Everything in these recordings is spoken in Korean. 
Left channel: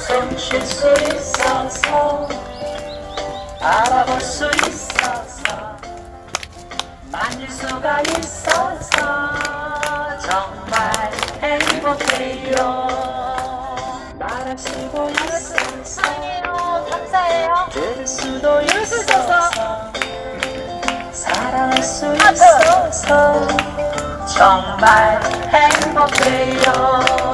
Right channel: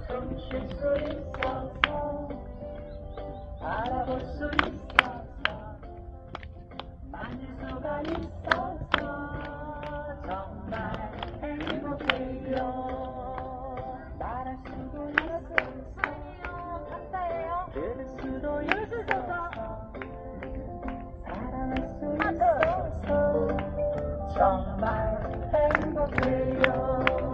숨쉴 수 있어서 알아볼 수 있어서 만질 수가 있어서 정말 행복해요 말할 수도 있어서 사랑해요. 감사해요. 들을 수도 있어서 사랑할 수 아, 있어서 정말 행복해요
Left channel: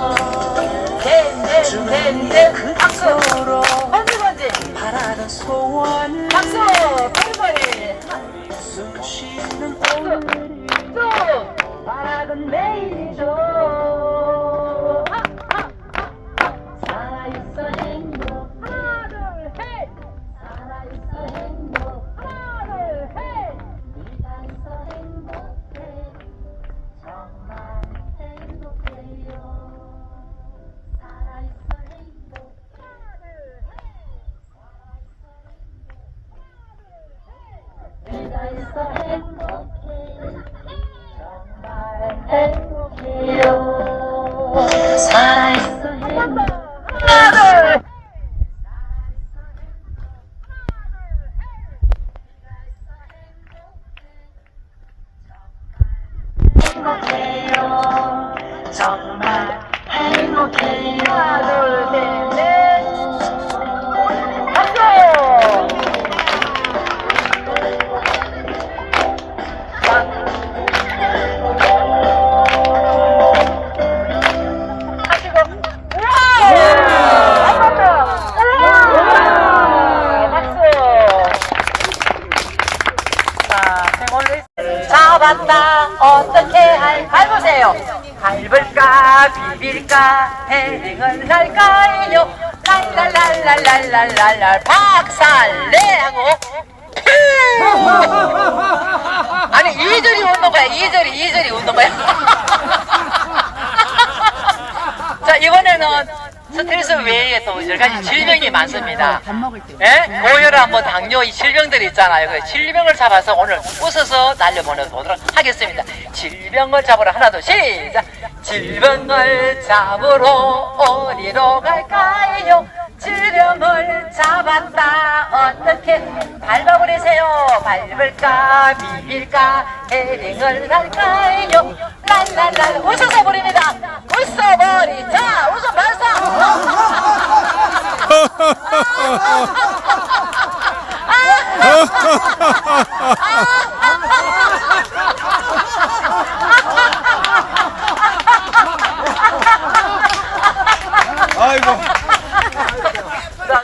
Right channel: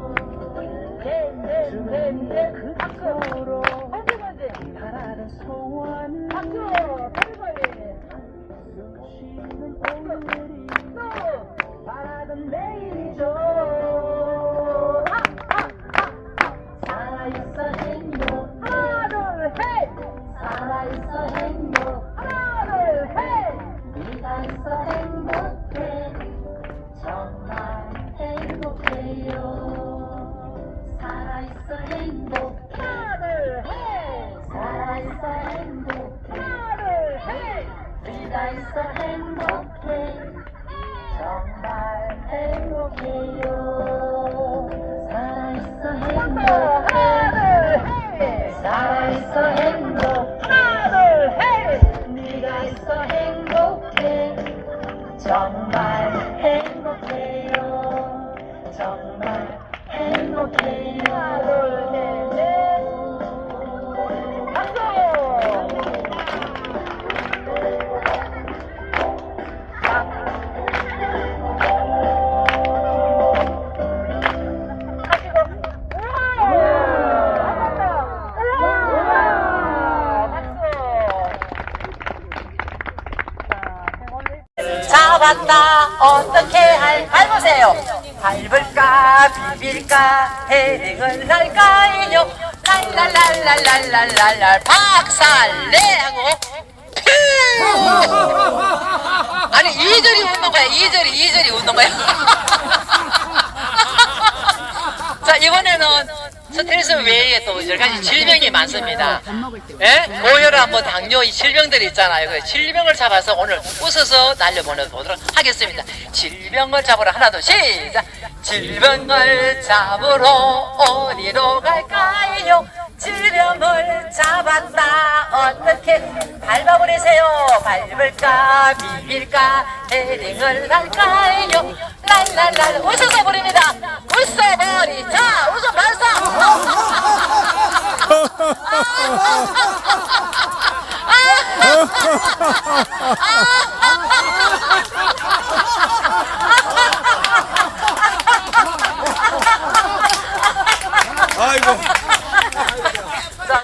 네, 그 박수. 번지 번지. 박수. 쉬는 오늘이 또. 바라던 내일이죠 셋. 네가 있어 잡았다. 어떻게 할, 밟으세요. 밟을까, 비빌까, 헤딩을 할까요? 랄랄랄랄랄랄랄, 박살내! 하고, 아니, 이절이 웃는 거야, 이절이, 이절이 웃는 거야. 자, 이번에는 스트레스 외에 또 여러 가지 질병이 많습니다. 예? 고혈압, 뭐 당뇨, 이 질병들이 있잖아요. 그 질병을 잡아서 오늘 웃어서 날려보내도록 하겠습니다. 질병을 잡으러 하나, 둘, 시작! 질병을 잡으러 어디로 갈까요? 질병을 잡았다. 어떻게 밟아버리세요? 밟을까, 비빌까, 헤딩을 할까요? 랄랄랄, 웃어 아이고.